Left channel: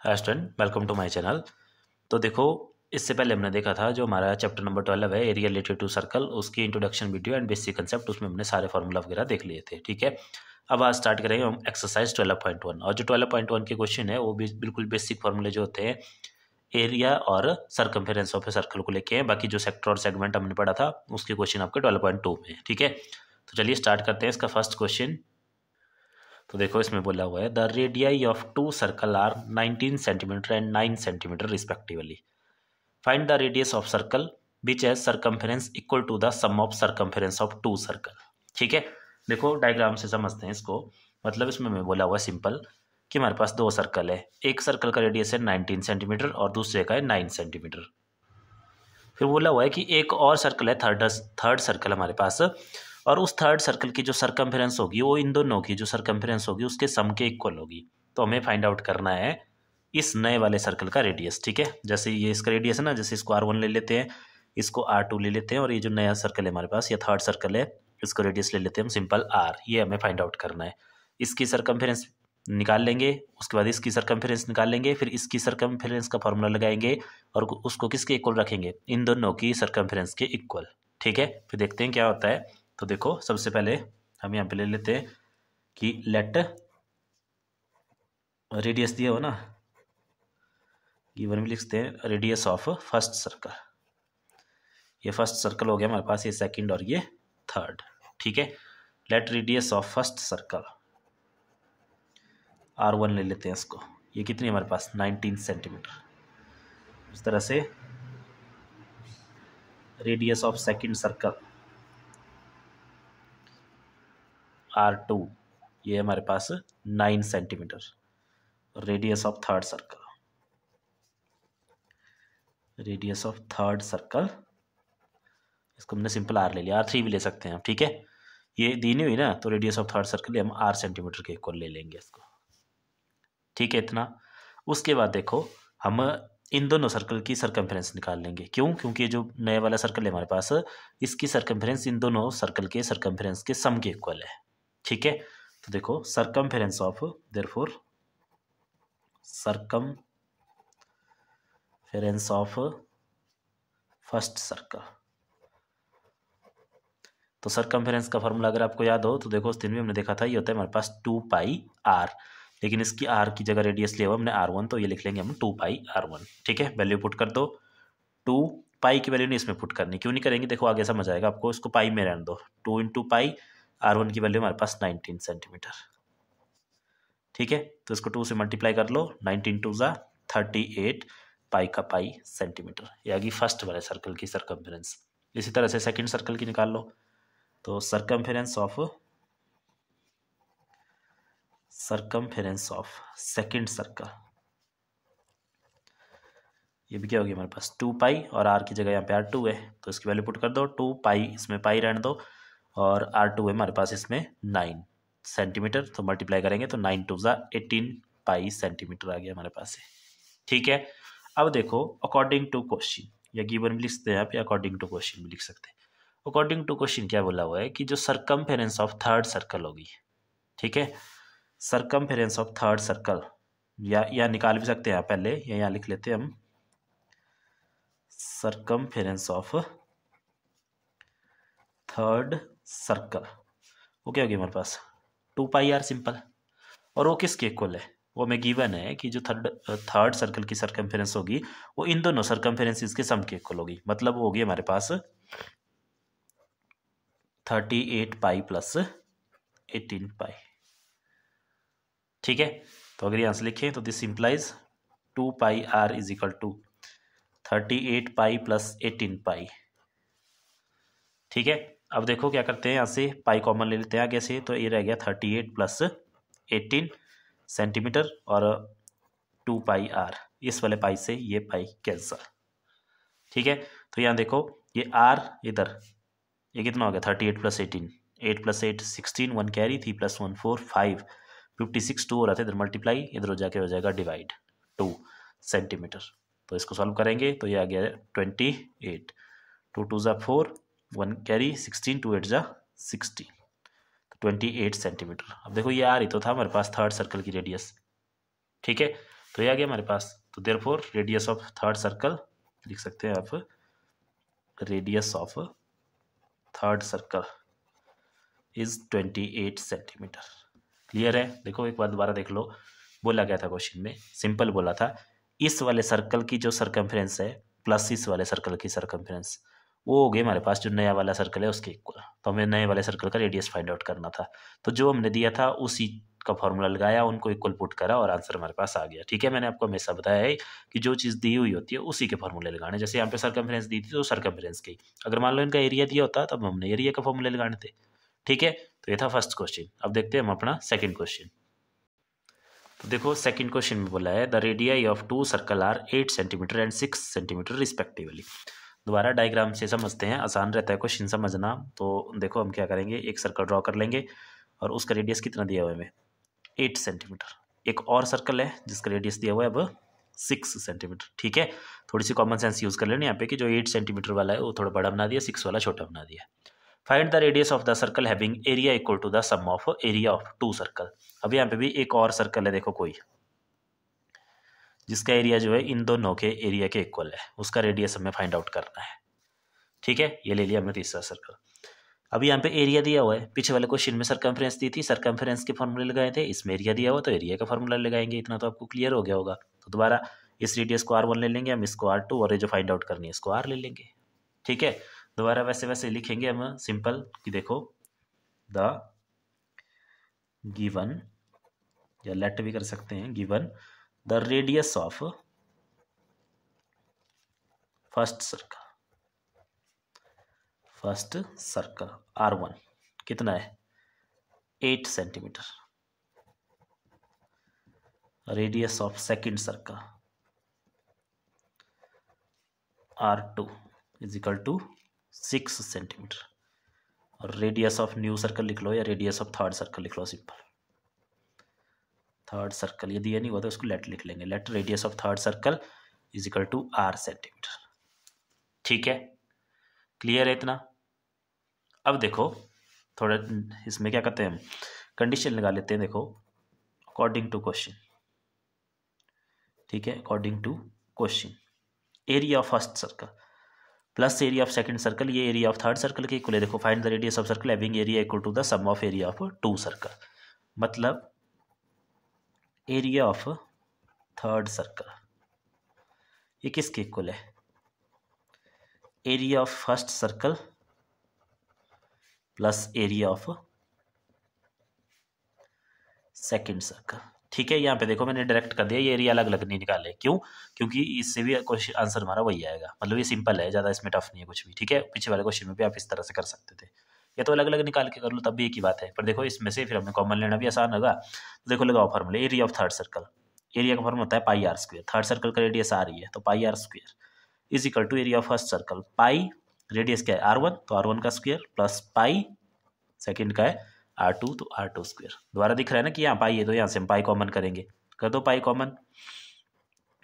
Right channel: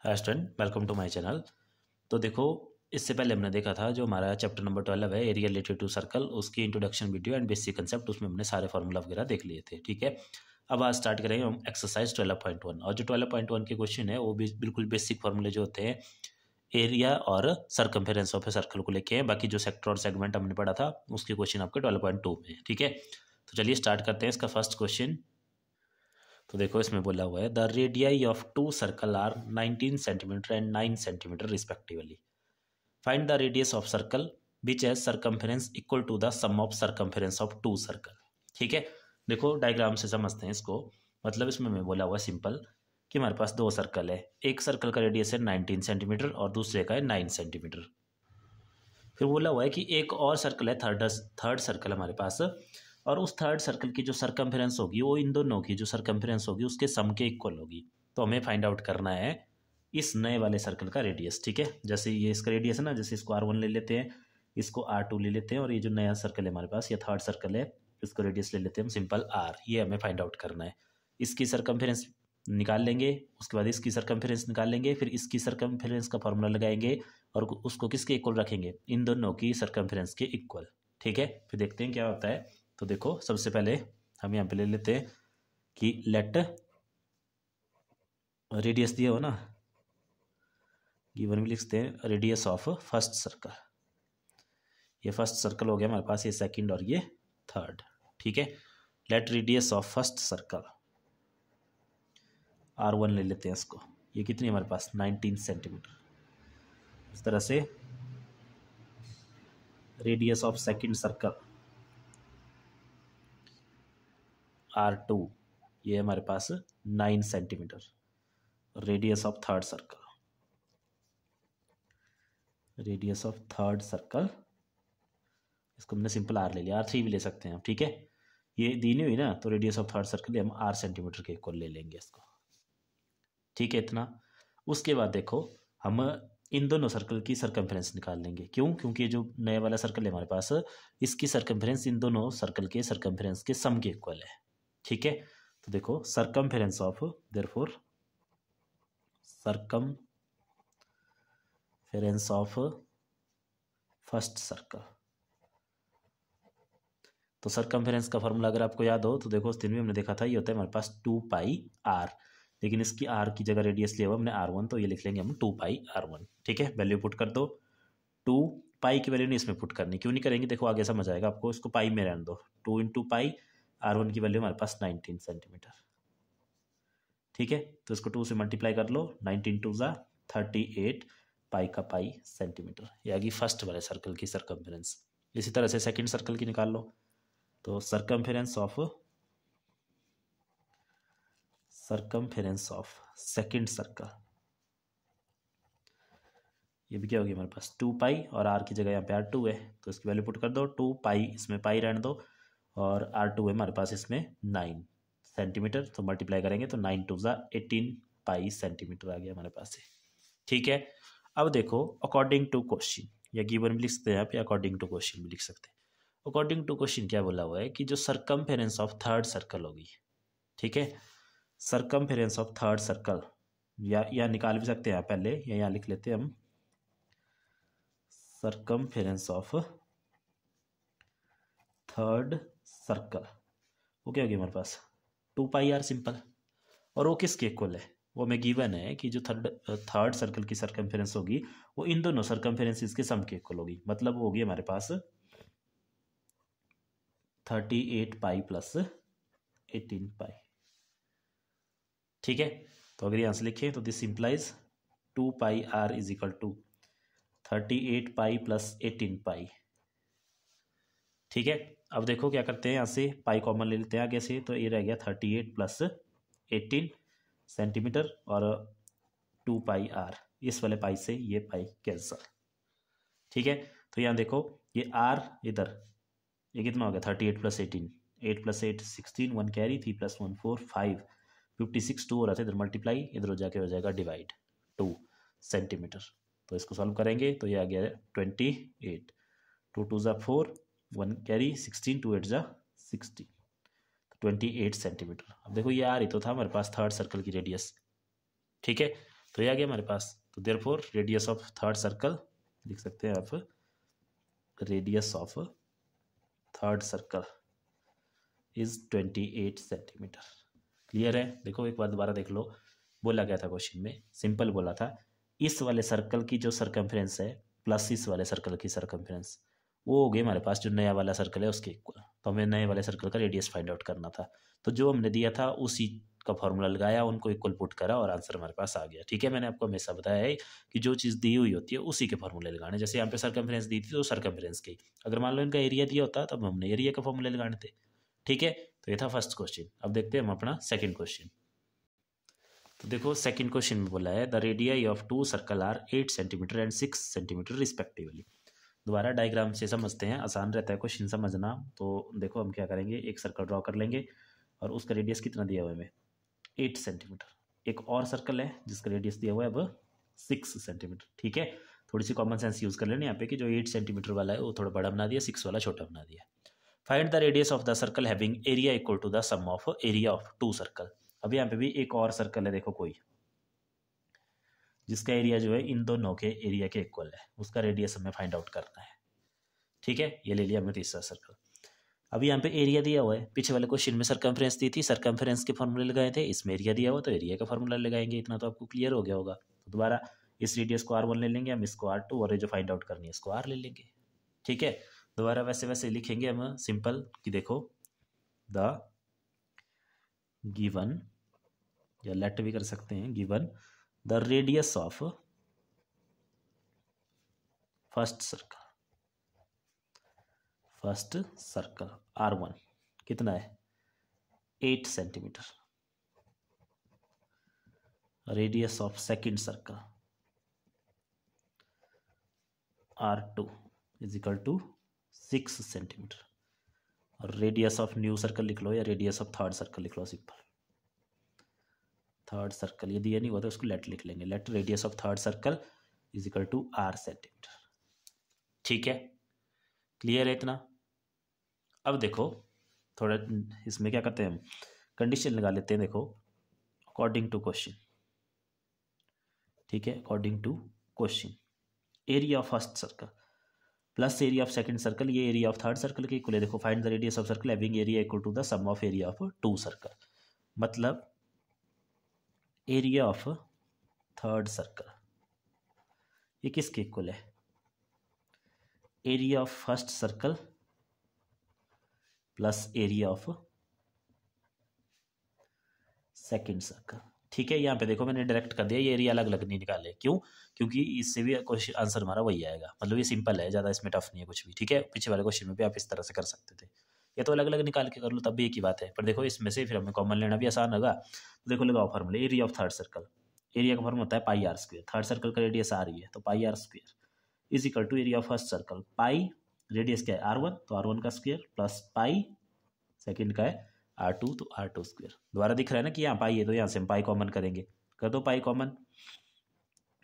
Hi student, welcome to my channel. तो देखो, इससे पहले हमने देखा था जो हमारा चैप्टर नंबर 12 है एरिया रिलेटेड टू सर्कल, उसकी introduction video and basic concept, उसमें हमने सारे फार्मूला वगैरह देख लिए थे। ठीक है, अब आज स्टार्ट करेंगे हम एक्सरसाइज 12.1। और जो 12.1 के क्वेश्चन है वो भी बिल्कुल बेसिक फार्मूले जो होते हैं एरिया और सरकमफेरेंस ऑफ ए सर्कल को लेके हैं। बाकी जो सेक्टर और सेगमेंट हमने पढ़ा था उसके क्वेश्चन आपके 12.2 में है। ठीक है, तो चलिए स्टार्ट करते हैं। इसका फर्स्ट क्वेश्चन तो देखो, इसमें बोला हुआ है the radii of two circle are 19 centimetre and 9 centimetre respectively. Find the radius of circle which has circumference equal to the sum of circumference of two circle. ठीक है, देखो डायग्राम से समझते हैं इसको। मतलब इसमें मैं बोला हुआ है सिंपल कि हमारे पास दो सर्कल है, एक सर्कल का रेडियस है 19 सेंटीमीटर और दूसरे का है 9 सेंटीमीटर। फिर बोला हुआ है कि एक और सर्कल है, थर्ड सर्कल हमारे पास, और उस थर्ड सर्कल की जो सरकमफेरेंस होगी वो इन दोनों की जो सरकमफेरेंस होगी उसके सम के इक्वल होगी। तो हमें फाइंड आउट करना है इस नए वाले सर्कल का रेडियस। ठीक है, जैसे ये इसका रेडियस है ना, जैसे इसको R1 ले लेते हैं, इसको R2 ले लेते हैं, और ये जो नया सर्कल है हमारे पास, ये थर्ड सर्कल है, इसको रेडियस ले लेते हैं हम सिंपल R। ये हमें फाइंड आउट करना है। इसकी सरकमफेरेंस निकाल लेंगे, उसके बाद इसकी सरकमफेरेंस निकाल लेंगे, फिर इसकी सरकमफेरेंस का फॉर्मूला लगाएंगे और उसको किसके इक्वल रखेंगे, इन दोनों की सरकमफेरेंस के इक्वल। ठीक है, फिर देखते हैं क्या होता है। तो देखो, सबसे पहले हम यहाँ पे ले लेते हैं कि लेट रेडियस दिया हो ना, गिवन में लिखते हैं रेडियस ऑफ फर्स्ट सर्कल। ये फर्स्ट सर्कल हो गया हमारे पास, ये सेकंड और ये थर्ड। ठीक है, late radius of first circle R1 ले लेते हैं इसको। ये कितनी हमारे पास 19 सेंटीमीटर। इस तरह से radius of second circle R2, ये हमारे पास 9 centimetre. Radius of third circle, radius of third circle, इसको हमने सिंपल R ले लिया, R3 भी ले सकते हैं आप। ठीक है, ये दी नहीं हुई ना, तो रेडियस ऑफ थर्ड सर्कल हम R सेंटीमीटर के इक्वल ले लेंगे इसको। ठीक है, इतना। उसके बाद देखो, हम इन दोनों सर्कल की सरकमफेरेंस निकाल लेंगे। क्यों? क्योंकि ये जो नए वाला सर्कल है हमारे पास, इसकी सरकमफेरेंस इन दोनों सर्कल के सरकमफेरेंस के सम के इक्वल है। ठीक है, तो देखो circumference of, therefore circumference of first circle. तो सरकमफेरेंस का फॉर्मूला अगर आपको याद हो तो देखो, उस दिन भी हमने देखा था, ये होता है हमारे पास 2πr, लेकिन इसकी R की जगह रेडियस लिया हुआ हमने R1, तो ये लिख लेंगे हम 2πr1। ठीक है, वैल्यू पुट कर दो। 2π की वैल्यू नहीं इसमें पुट करनी, क्यों नहीं करेंगे, देखो आगे समझ आएगा आपको। इसको पाई में रहने दो। 2 × पाई, R1 की वैल्यू हमारे पास 19 सेंटीमीटर। ठीक है, तो इसको 2 से मल्टीप्लाई कर लो, 19 2 ज़ा 38 पाई का पाई सेंटीमीटर। ये आ गई फर्स्ट वाले सर्कल की सरकमफेरेंस। इसी तरह से सेकंड सर्कल की निकाल लो। तो सरकमफेरेंस ऑफ सेकंड सर्कल, ये भी क्या होगी हमारे पास 2π, और R की जगह यहाँ पे R2 है, तो इसकी वैल्यू पुट कर दो। 2π, इसमें पाई रहने दो, और R2 है हमारे पास इसमें 9 सेंटीमीटर, तो मल्टीप्लाई करेंगे तो 9 2 ज़ा 18 पाई सेंटीमीटर आ गया हमारे पास है। ठीक है, अब देखो अकॉर्डिंग टू क्वेश्चन, या गिवन भी लिख सकते हैं आप, या अकॉर्डिंग टू क्वेश्चन भी लिख सकते हैं। अकॉर्डिंग टू क्वेश्चन क्या बोला हुआ है कि जो सरकमफेरेंस ऑफ थर्ड सर्कल होगी, ठीक है, सरकमफेरेंस ऑफ थर्ड सर्कल, या निकाल भी सकते हैं आप पहले, या यहाँ लिख लेते हैं हम, सरकमफेरेंस ऑफ थर्ड सर्कल, वो क्या होगी हमारे पास 2πr सिंपल। और वो किसके इक्वल है, वो हमें गिवन है कि जो थर्ड सर्कल की सरकमफेरेंस होगी वो इन दोनों सरकमफेरेंसेस के सम के इक्वल होगी। मतलब वो होगी हमारे पास 38π प्लस 18π। ठीक है, तो अगर यहाँ से लिखें तो this implies 2πr is equal to 38π plus 18π। ठीक है, अब देखो क्या करते हैं, यहाँ से पाई कॉमन ले लेते हैं आगे से, तो ये रह गया 38 प्लस 18 सेंटीमीटर और 2πr, इस वाले पाई से ये पाई कैंसल। ठीक है, तो यहाँ देखो ये R इधर, ये कितना हो गया 38 प्लस 18, 8 प्लस 8 16, 1 कैरी, 3 प्लस 1 4 5, 56 2 हो रहा था, इधर मल्टीप्लाई, इधर हो जाके हो जाएगा डिवाइड 2 सेंटीमीटर। तो इसको सॉल्व करेंगे तो ये आ गया 28, 2 2 ज़ा 4, 1 कैरी, 16, 2 8 ज़ा 16, 28 सेंटीमीटर। अब देखो ये आ रही तो था हमारे पास थर्ड सर्कल की रेडियस। ठीक है, तो ये आ गया हमारे पास। तो therefore radius of third circle लिख सकते हैं आप, radius of third circle is 28 centimetre. Clear है? देखो एक बार दोबारा देख लो, बोला गया था क्वेश्चन में, सिंपल बोला था इस वाले सर्कल की जो सरकमफ्रेंस है प्लस इस वाले सर्कल की सरकमफ्रेंस, वो हो गई हमारे पास जो नया वाला सर्कल है उसके इक्वल। तो हमें नए वाले सर्कल का रेडियस फाइंड आउट करना था, तो जो हमने दिया था उसी का फॉर्मूला लगाया, उनको इक्वल पुट करा और आंसर हमारे पास आ गया। ठीक है, मैंने आपको हमेशा बताया है कि जो चीज़ दी हुई होती है उसी के फॉर्मूले लगाने। जैसे यहाँ पे सरकमफ्रेंस दी थी तो सरकमफ्रेंस की, अगर मान लो इनका एरिया दिया होता तब हमने एरिया का फॉर्मूले लगाने थे। ठीक है, तो ये था फर्स्ट क्वेश्चन। अब देखते हैं हम अपना सेकंड क्वेश्चन। तो देखो सेकंड क्वेश्चन में बोला है the radii of two circle are 8 centimetre and 6 centimetre respectively. दोबारा डायग्राम से समझते हैं, आसान रहता है क्वेश्चन समझना। तो देखो हम क्या करेंगे, एक सर्कल ड्रॉ कर लेंगे और उसका रेडियस कितना दिया हुआ है हमें, 8 सेंटीमीटर। एक और सर्कल है जिसका रेडियस दिया हुआ है अब 6 सेंटीमीटर। ठीक है, थोड़ी सी कॉमन सेंस यूज़ कर लेना यहाँ पे कि जो 8 सेंटीमीटर वाला है वो थोड़ा बड़ा बना दिया, 6 वाला छोटा बना दिया। Find the radius of the circle having area equal to the sum of area of two circle. अब यहाँ पे भी एक और सर्कल है, देखो कोई, जिसका एरिया जो है इन दोनों के एरिया के इक्वल है, उसका रेडियस हमें फाइंड आउट करना है। ठीक है, ये ले लिया हमने तीसरा सर्कल। अब यहाँ पे एरिया दिया हुआ है, पीछे वाले क्वेश्चन में सरकमफ्रेंस दी थी, सरकमफ्रेंस के फॉर्मूले लगाए थे, इसमें एरिया दिया हुआ तो एरिया का फॉर्मूला लगाएंगे। इतना तो आपको क्लियर हो गया होगा। तो दोबारा इस रेडियस को R1 ले लेंगे हम, इसको R2 और ये जो फाइंड आउट करनी है इसको R ले लेंगे। ठीक है, दोबारा वैसे वैसे लिखेंगे हम सिंपल कि देखो द गिवन, या लेट भी कर सकते हैं, given the radius of first circle R1 कितना है, 8 centimetre. Radius of second circle R2 is equal to 6 centimetre. और रेडियस ऑफ न्यू सर्कल लिख लो या रेडियस ऑफ थर्ड सर्कल लिख लो, सिंपल। थर्ड सर्कल ये दिया नहीं हुआ तो उसको लेट लिख लेंगे, let radius of third circle is equal to R centimetre. ठीक है, क्लियर है इतना? अब देखो थोड़ा इसमें क्या करते हैं हम, कंडीशन लगा लेते हैं। देखो अकॉर्डिंग टू क्वेश्चन, ठीक है, according to question area of first circle plus area of second circle, ये एरिया ऑफ थर्ड सर्कल के इक्वल है। देखो find the radius of circle having area equal to the sum of area of two circle, मतलब area of third circle ये किसके इक्वल है, area of first circle plus area of second circle. ठीक है, यहाँ पे देखो मैंने डायरेक्ट कर दिया, ये एरिया अलग अलग नहीं निकाले, क्यों, क्योंकि इससे भी क्वेश्चन आंसर हमारा वही आएगा। मतलब ये सिंपल है, ज़्यादा इसमें टफ नहीं है कुछ भी। ठीक है, पीछे वाले क्वेश्चन में भी आप इस तरह से कर सकते थे, या तो अलग अलग निकाल के कर लो तब भी एक ही बात है। पर देखो इसमें से फिर हमें कॉमन लेना भी आसान होगा। तो देखो लगाओ फॉर्मूले, area of third circle, area का फॉर्मूला होता है pi r square, third circle का रेडियस R ही है तो pi r square is equal to area of first circle, pi radius क्या है R1 तो R1 का स्क्वायर प्लस पाई सेकंड का है R2 तो R2 स्क्वायर। दोबारा दिख रहा है ना कि यहाँ पाई है तो यहाँ से हम पाई कॉमन करेंगे, कर दो पाई कॉमन,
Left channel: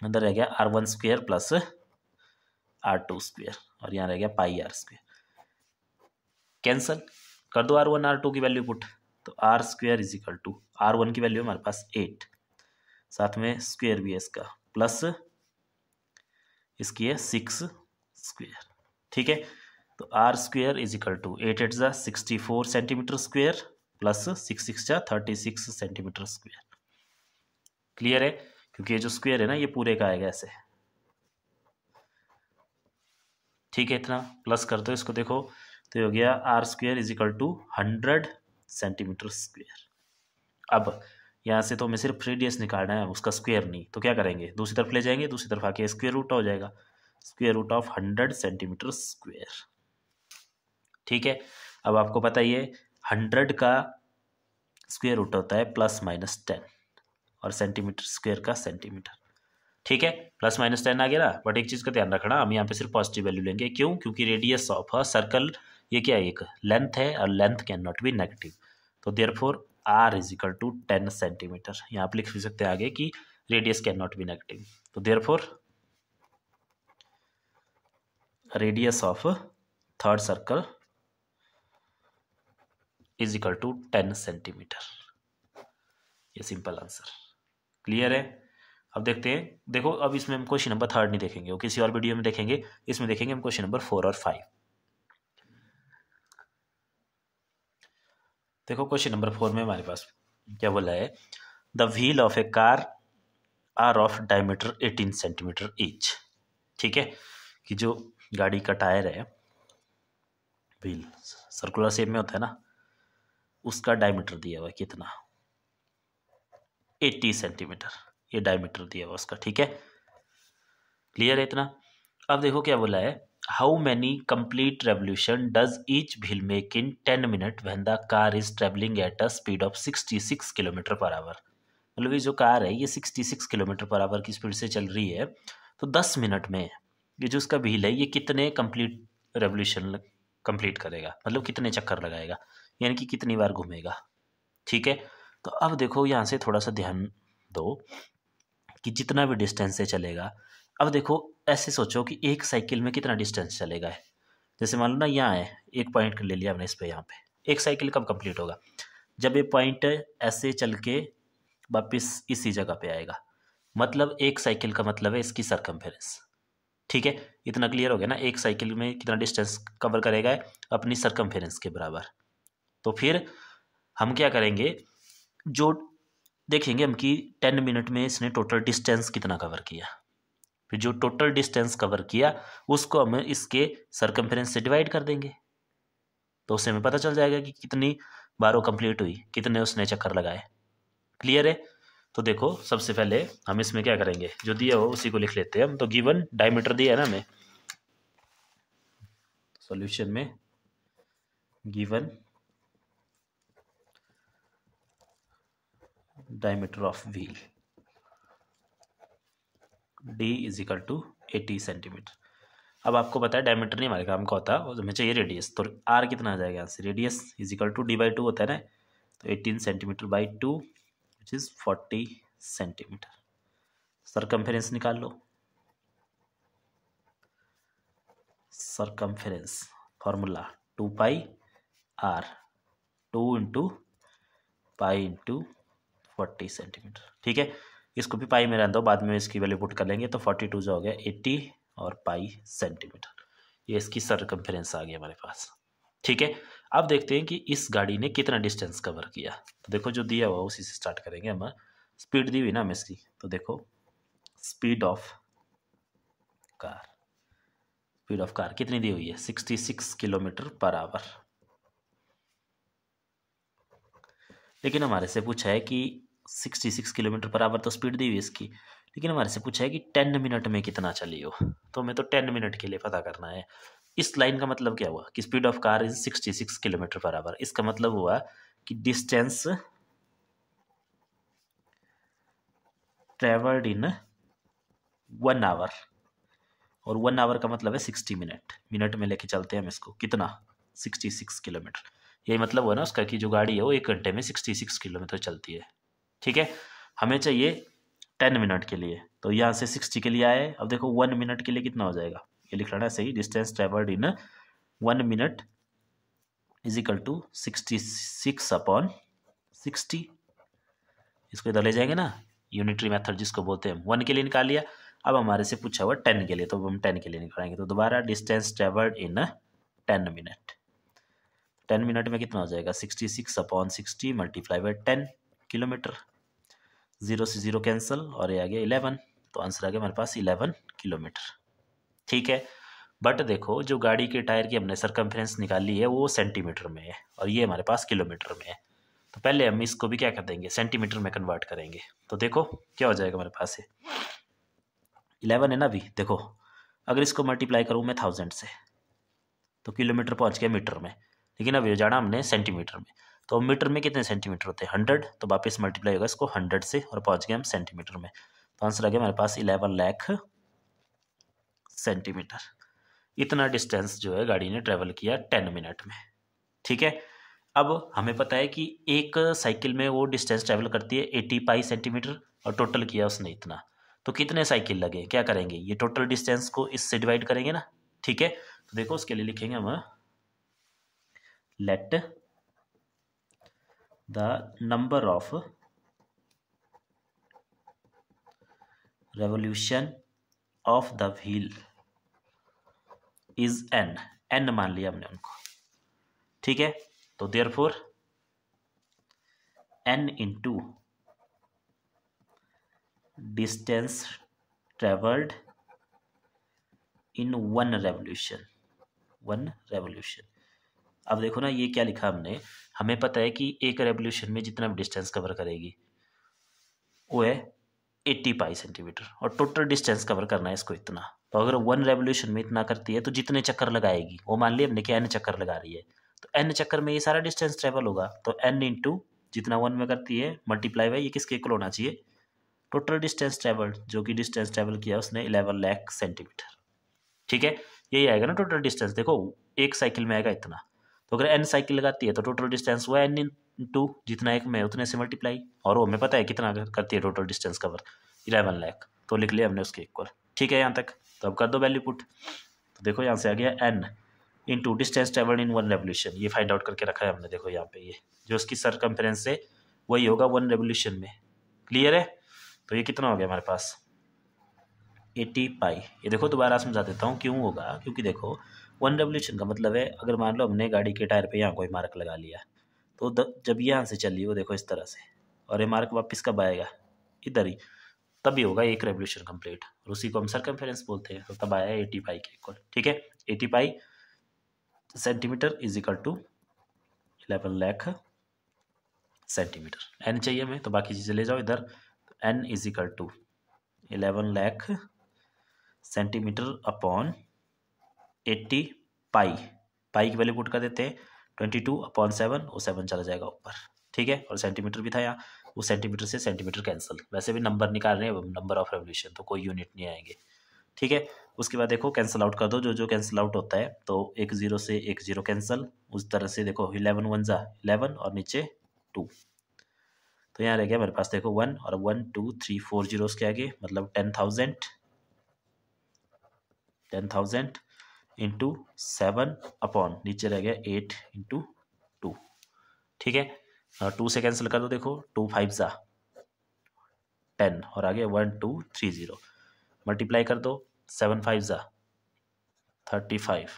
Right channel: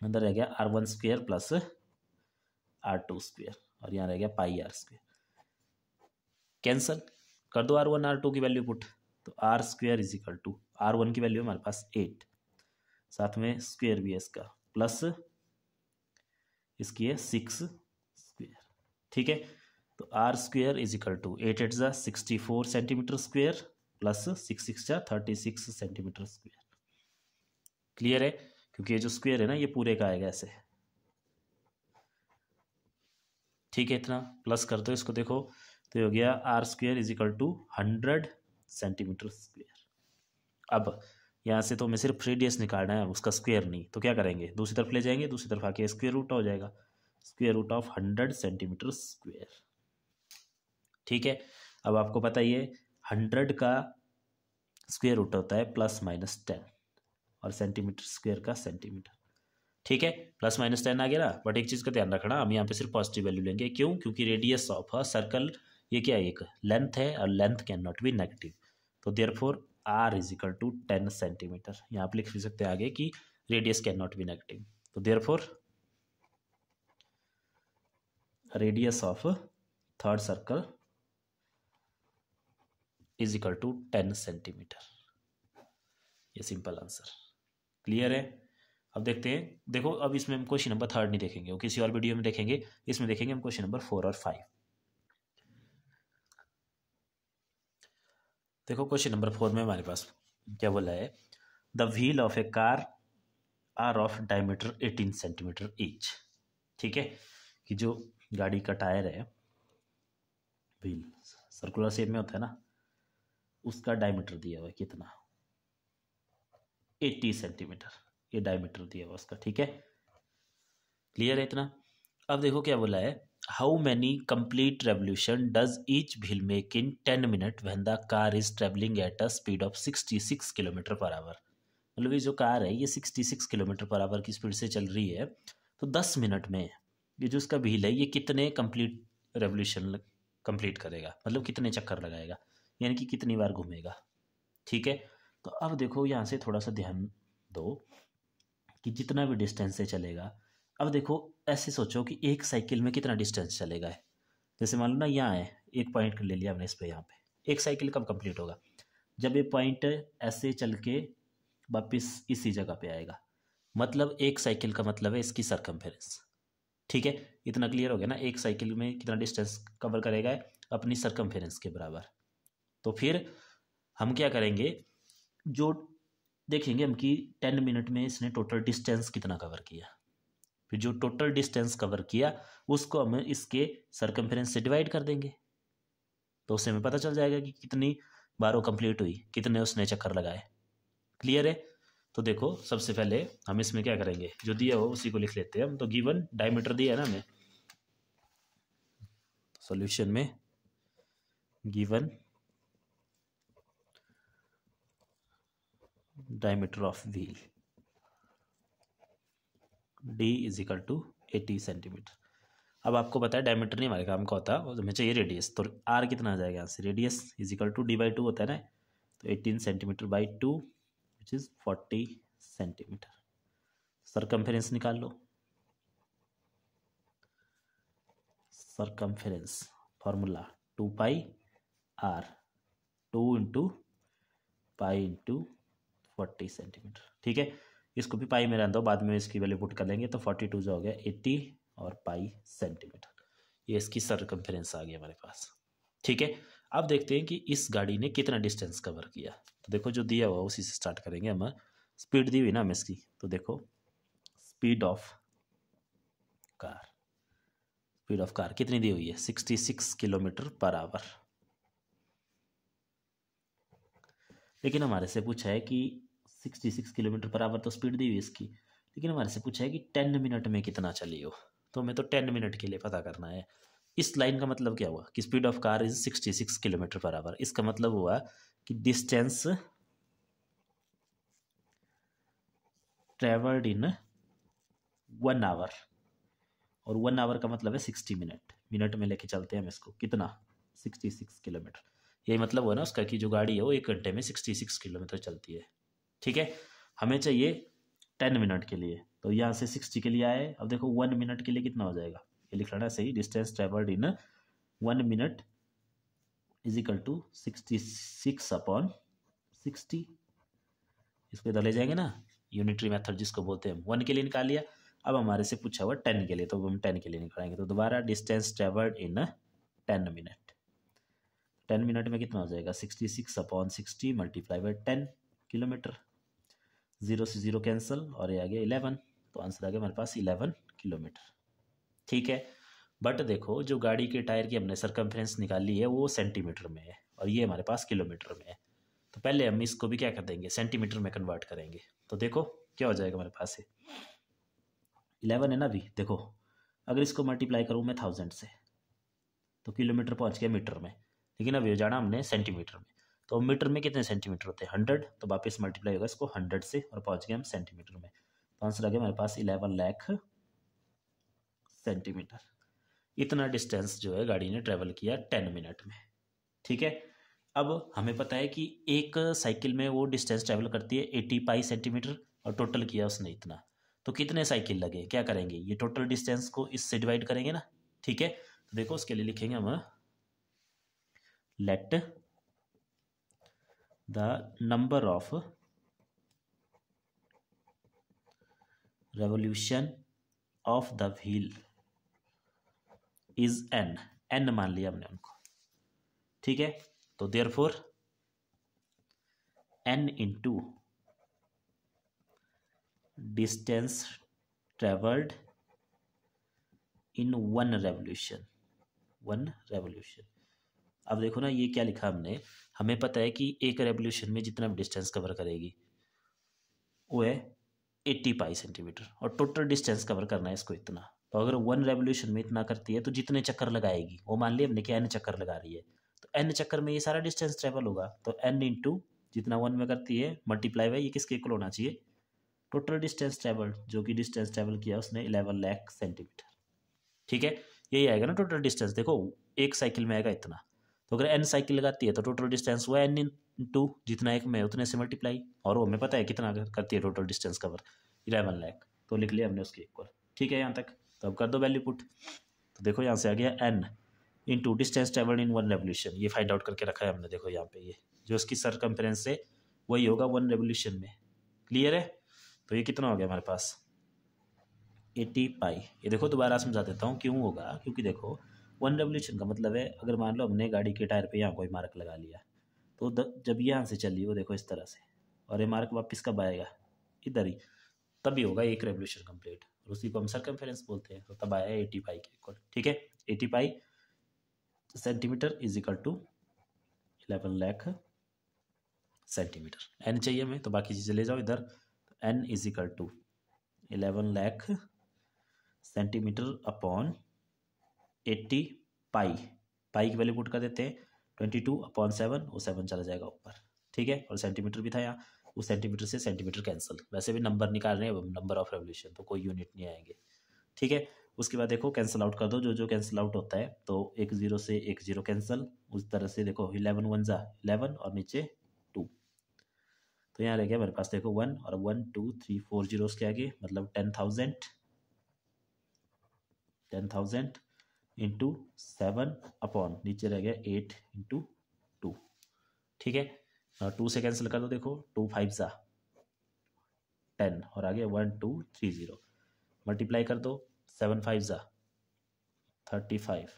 अंदर रह गया R1 square plus R2 square और यहाँ रह गया पाई आर स्क्वायर, कैंसल कर दो R1 R2 की वैल्यू पुट, तो R square is equal to R1 की वैल्यू हमारे पास 8, साथ में स्क्वायर भी है इसका, प्लस इसकी है 6 स्क्वायर। ठीक है, तो R square is equal to 8 8 जा 64 सेंटीमीटर स्क्वायर प्लस 6 6 जा 36 सेंटीमीटर स्क्वायर। क्लियर है, क्योंकि ये जो स्क्वायर है ना ये पूरे का आएगा ऐसे। ठीक है, इतना प्लस कर दो इसको, देखो तो ये हो गया R square is equal to 100 centimetre square. अब यहाँ से तो हमें सिर्फ रेडियस निकालना है, उसका स्क्वायर नहीं, तो क्या करेंगे दूसरी तरफ ले जाएंगे, दूसरी तरफ आके स्क्वायर रूट हो जाएगा, square root of 100 centimetre square. ठीक है, अब आपको पता ही है 100 का स्क्वायर रूट होता है +-10 और सेंटीमीटर स्क्वायर का सेंटीमीटर। ठीक है, +-10 आ गया ना, बट एक चीज़ का ध्यान रखना, हम यहाँ पे सिर्फ पॉजिटिव वैल्यू लेंगे, क्यों, क्योंकि रेडियस ऑफ अ सर्कल ये क्या है, एक लेंथ है और length cannot be negative. तो therefore R is equal to 10 centimetre. यहाँ आप लिख भी सकते हैं आगे कि radius cannot be negative, तो therefore radius of third circle is equal to 10 centimetre. ये सिंपल आंसर। क्लियर है? अब देखते हैं, देखो अब इसमें हम क्वेश्चन नंबर 3 नहीं देखेंगे, वो किसी और वीडियो में देखेंगे। इसमें देखेंगे हम क्वेश्चन नंबर 4 और 5। देखो क्वेश्चन नंबर 4 में हमारे पास क्या बोला है, the wheel of a car are of diameter 18 centimetre each. ठीक है, कि जो गाड़ी का टायर है, व्हील सर्कुलर शेप में होता है ना, उसका डायमीटर दिया हुआ है कितना, 80 सेंटीमीटर, ये डायमीटर दिया हुआ उसका। ठीक है, क्लियर है इतना। अब देखो क्या बोला है, how many complete revolution does each wheel make in 10 minute when the car is travelling at a speed of 66 kilometre per hour. मतलब ये जो कार है ये 66 किलोमीटर पर आवर की स्पीड से चल रही है, तो 10 मिनट में ये जो उसका व्हील है ये कितने कंप्लीट रेवोल्यूशन कंप्लीट करेगा, मतलब कितने चक्कर लगाएगा, यानी कि कितनी बार घूमेगा। ठीक है, तो अब देखो यहाँ से थोड़ा सा ध्यान दो कि जितना भी डिस्टेंस से चलेगा, अब देखो ऐसे सोचो कि एक साइकिल में कितना डिस्टेंस चलेगा है। जैसे मान लो ना यहाँ है, एक पॉइंट ले लिया हमने इस पे, यहाँ पे एक साइकिल कब कंप्लीट होगा, जब ये पॉइंट ऐसे चल के वापिस इसी जगह पे आएगा। मतलब एक साइकिल का मतलब है इसकी सरकमफेरेंस। ठीक है, इतना क्लियर हो गया ना, एक साइकिल में कितना डिस्टेंस कवर करेगा अपनी सरकमफेरेंस के बराबर। तो फिर हम क्या करेंगे, जो देखेंगे हम कि 10 मिनट में इसने टोटल डिस्टेंस कितना कवर किया, फिर जो टोटल डिस्टेंस कवर किया उसको हम इसके सरकमफेरेंस से डिवाइड कर देंगे, तो उससे हमें पता चल जाएगा कि कितनी बार वो कंप्लीट हुई, कितने उसने चक्कर लगाए। क्लियर है। तो देखो सबसे पहले हम इसमें क्या करेंगे, जो दिया हो उसी को लिख लेते हैं हम। तो गिवन डायमीटर दिया है ना हमें सॉल्यूशन में, given diameter of wheel d is equal to 80 centimetre. अब आपको पता है डायमीटर नहीं हमारे काम का होता, हमें चाहिए रेडियस, तो r कितना आ जाएगा यहाँ से, radius is equal to d/2 होता है ना, तो 18 centimetre by 2 which is 40 centimetre. Circumference निकाल लो, सरकमफेरेंस फॉर्मूला 2 पाई r, 2 into pi into 40 centimetre. ठीक है, इसको भी पाई में रहने दो, बाद में इसकी वैल्यू पुट कर लेंगे, तो 42 जो हो गया 80 और पाई सेंटीमीटर, ये इसकी सरकमफेरेंस आ गई हमारे पास। ठीक है, अब देखते हैं कि इस गाड़ी ने कितना डिस्टेंस कवर किया। तो देखो जो दिया हुआ उसी से स्टार्ट करेंगे हम। स्पीड दी हुई ना हमें इसकी, तो देखो speed of car, speed of car कितनी दी हुई है, 66 किलोमीटर पर आवर। लेकिन हमारे से पूछा है कि 66 किलोमीटर पर आवर तो स्पीड दी हुई है इसकी, लेकिन हमारे से पूछा है कि 10 मिनट में कितना चली हो, तो हमें तो 10 मिनट के लिए पता करना है। इस लाइन का मतलब क्या हुआ कि speed of car is 66 kilometre per hour, इसका मतलब हुआ कि डिस्टेंस ट्रेवल्ड इन 1 आवर, और 1 आवर का मतलब है 60 मिनट, मिनट में लेके चलते हैं हम इसको, कितना 66 किलोमीटर। यही मतलब हुआ ना उसका कि जो गाड़ी है वो 1 घंटे में 66 किलोमीटर चलती है। ठीक है, हमें चाहिए 10 मिनट के लिए, तो यहाँ से 60 के लिए आए। अब देखो 1 मिनट के लिए कितना हो जाएगा, ये लिख लेना सही, distance travelled in 1 minute is equal to 66 upon 60। इसको इधर ले जाएंगे ना, यूनिटरी मेथड जिसको बोलते हैं। 1 के लिए निकाल लिया, अब हमारे से पूछा हुआ 10 के लिए, तो हम 10 के लिए निकालेंगे। तो दोबारा डिस्टेंस ट्रेवल्ड इन 10 मिनट, 10 मिनट में कितना हो जाएगा, 66 अपॉन 60 मल्टीप्लाई बाई 10 किलोमीटर। 0 से 0 कैंसिल और ये आ गया 11, तो आंसर आ गया हमारे पास 11 किलोमीटर। ठीक है, बट देखो जो गाड़ी के टायर की हमने सरकमफ्रेंस निकाली है वो सेंटीमीटर में है, और ये हमारे पास किलोमीटर में है। तो पहले हम इसको भी क्या कर देंगे, सेंटीमीटर में कन्वर्ट करेंगे। तो देखो क्या हो जाएगा हमारे पास है, 11 है ना अभी, देखो अगर इसको मल्टीप्लाई करूँ मैं 1000 से, तो किलोमीटर पहुंच गया मीटर में, लेकिन अभी जाना हमने सेंटीमीटर में। तो मीटर में कितने सेंटीमीटर होते हैं, 100, तो वापस मल्टीप्लाई होगा इसको 100 से, और पहुंच गए हम सेंटीमीटर में। तो आंसर आ गया हमारे पास 11 लाख सेंटीमीटर। इतना डिस्टेंस जो है गाड़ी ने ट्रेवल किया 10 मिनट में। ठीक है, अब हमें पता है कि एक साइकिल में वो डिस्टेंस ट्रेवल करती है 80 पाई सेंटीमीटर, और टोटल किया उसने इतना, तो कितने साइकिल लगे, क्या करेंगे, ये टोटल डिस्टेंस को इससे डिवाइड करेंगे ना। ठीक है, तो देखो उसके लिए लिखेंगे हम, let the number of revolution of the wheel is an मान लिया हमने उनको, ठीक है। तो therefore n into distance travelled in one revolution. अब देखो ना, ये क्या लिखा हमने, हमें पता है कि एक रेवोल्यूशन में जितना भी डिस्टेंस कवर करेगी वो है 80 पाई सेंटीमीटर, और टोटल डिस्टेंस कवर करना है इसको इतना। तो अगर वन रेवोल्यूशन में इतना करती है तो जितने चक्कर लगाएगी, वो मान लिया हमने कि n चक्कर लगा रही है, तो n चक्कर में ये सारा डिस्टेंस ट्रेवल होगा। तो n इंटू जितना वन में करती है मल्टीप्लाई बाई ये किसके इक्वल होना चाहिए, टोटल डिस्टेंस ट्रेवल्ड, जो कि डिस्टेंस ट्रेवल किया उसने 11 लाख सेंटीमीटर, ठीक है। यही आएगा ना टोटल डिस्टेंस। देखो एक साइकिल में आएगा इतना, तो अगर n साइकिल लगाती है तो टोटल डिस्टेंस हुआ n इंटू जितना एक में उतने से मल्टीप्लाई, और वो हमें पता है कितना करती है टोटल डिस्टेंस कवर, 11 लाख, तो लिख लिया हमने उसके इक्वल, ठीक है यहाँ तक। तो अब कर दो वैल्यू पुट। तो देखो यहाँ से आ गया n into distance travelled in one revolution, ये फाइंड आउट करके रखा है हमने। देखो यहाँ पे ये जो उसकी सरकमफेरेंस है वही होगा वन रेवोल्यूशन में, क्लियर है। तो ये कितना हो गया हमारे पास 80 पाई। ये देखो दोबारा समझा देता हूँ क्यों होगा, क्योंकि देखो वन रेवोल्यूशन का मतलब है, अगर मान लो हमने गाड़ी के टायर पे यहाँ कोई मार्क लगा लिया, तो जब यहाँ से चली वो देखो इस तरह से, और ये मार्क वापस कब आएगा, इधर ही, तभी होगा एक रेवोल्यूशन कंप्लीट, और उसी को हम सरकमफेरेंस बोलते हैं। तो तब आया 80 पाई के इक्वल, ठीक है। 80 pi centimetre is equal to 11 lakh centimetre. N चाहिए हमें, तो बाकी चीज़ें ले जाओ इधर। N is equal to 11 lakh centimetre upon 80 pi, pi की वैल्यू पुट कर देते हैं 22/7, वो 7 चला जाएगा ऊपर, ठीक है। और सेंटीमीटर भी था यहाँ, वो सेंटीमीटर से सेंटीमीटर कैंसिल, वैसे भी नंबर निकाल रहे हैं नंबर ऑफ रेवोल्यूशन, तो कोई यूनिट नहीं आएंगे, ठीक है। उसके बाद देखो कैंसिल आउट कर दो, जो जो कैंसिल आउट होता है, तो एक जीरो से एक जीरो कैंसिल, उस तरह से देखो 11 1 जा 11 और नीचे 2, तो यहाँ रह गया मेरे पास देखो 1 और 1 2 3 4 जीरोस के आगे, मतलब 10,000 इंटू 7 अपॉन नीचे रह गया 8 इंटू 2, ठीक है। 2 से कैंसिल कर दो, देखो 2 5 जा 10 और आगे 1 2 3 0, मल्टीप्लाई कर दो 7 5 जा 35,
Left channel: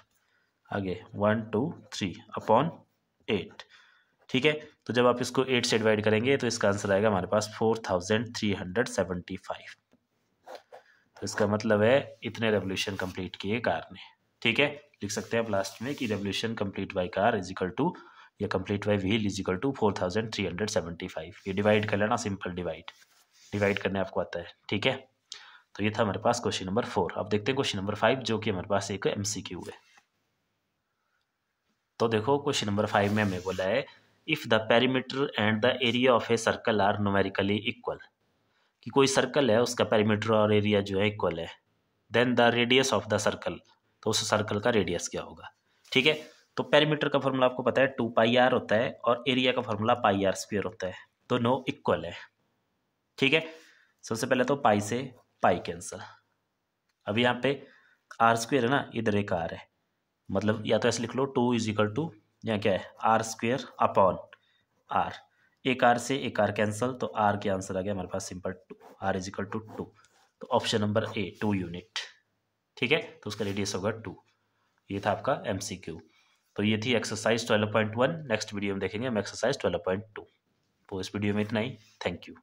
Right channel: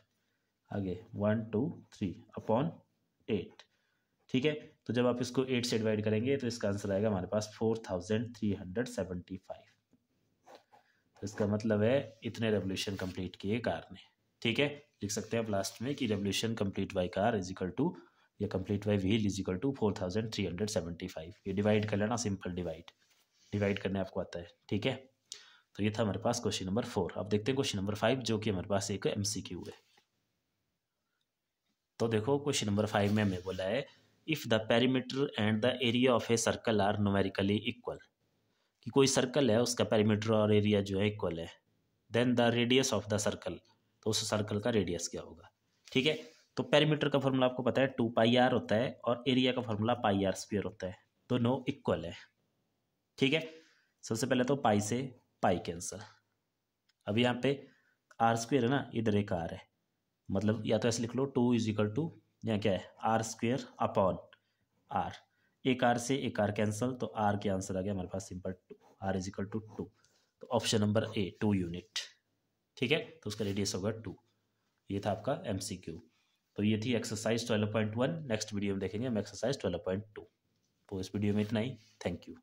आगे 1 2 3 अपॉन 8, ठीक है। तो जब आप इसको 8 से डिवाइड करेंगे तो इसका आंसर आएगा हमारे पास 4375। तो इसका मतलब है इतने रेवोल्यूशन कंप्लीट किए कार ने, ठीक है। लिख सकते हैं आप लास्ट में कि revolution complete by car is equal to, या complete by wheel is equal to 4375। ये डिवाइड कर लेना, सिंपल डिवाइड करने आपको आता है, ठीक है। तो ये था हमारे पास क्वेश्चन नंबर 4। अब देखते हैं क्वेश्चन नंबर 5, जो कि हमारे पास एक MCQ है। तो देखो क्वेश्चन नंबर 5 में हमें बोला है if the perimeter and the area of a circle are numerically equal, कि कोई सर्कल है उसका पेरीमीटर और एरिया जो है इक्वल है, then the radius of the circle, तो उस सर्कल का रेडियस क्या होगा, ठीक है। तो पेरीमीटर का फॉर्मूला आपको पता है 2πr होता है, और एरिया का फॉर्मूला πr² होता है, दोनों इक्वल है, ठीक है। सबसे पहले तो पाई से पाई कैंसिल, अब यहाँ पे r² है ना, इधर एक r है, मतलब या तो ऐसे लिख लो 2 इज इक्वल टू, यहाँ क्या है r² अपॉन r, एक r से एक r कैंसिल, तो r के आंसर आ गया हमारे पास simple 2, r is equal to 2। तो ऑप्शन नंबर A 2 यूनिट, ठीक है। तो उसका रेडियस होगा 2। ये था आपका MCQ। तो ये थी एक्सरसाइज 12.1। नेक्स्ट वीडियो में देखेंगे हम एक्सरसाइज 12.2। तो इस वीडियो में इतना ही, थैंक यू।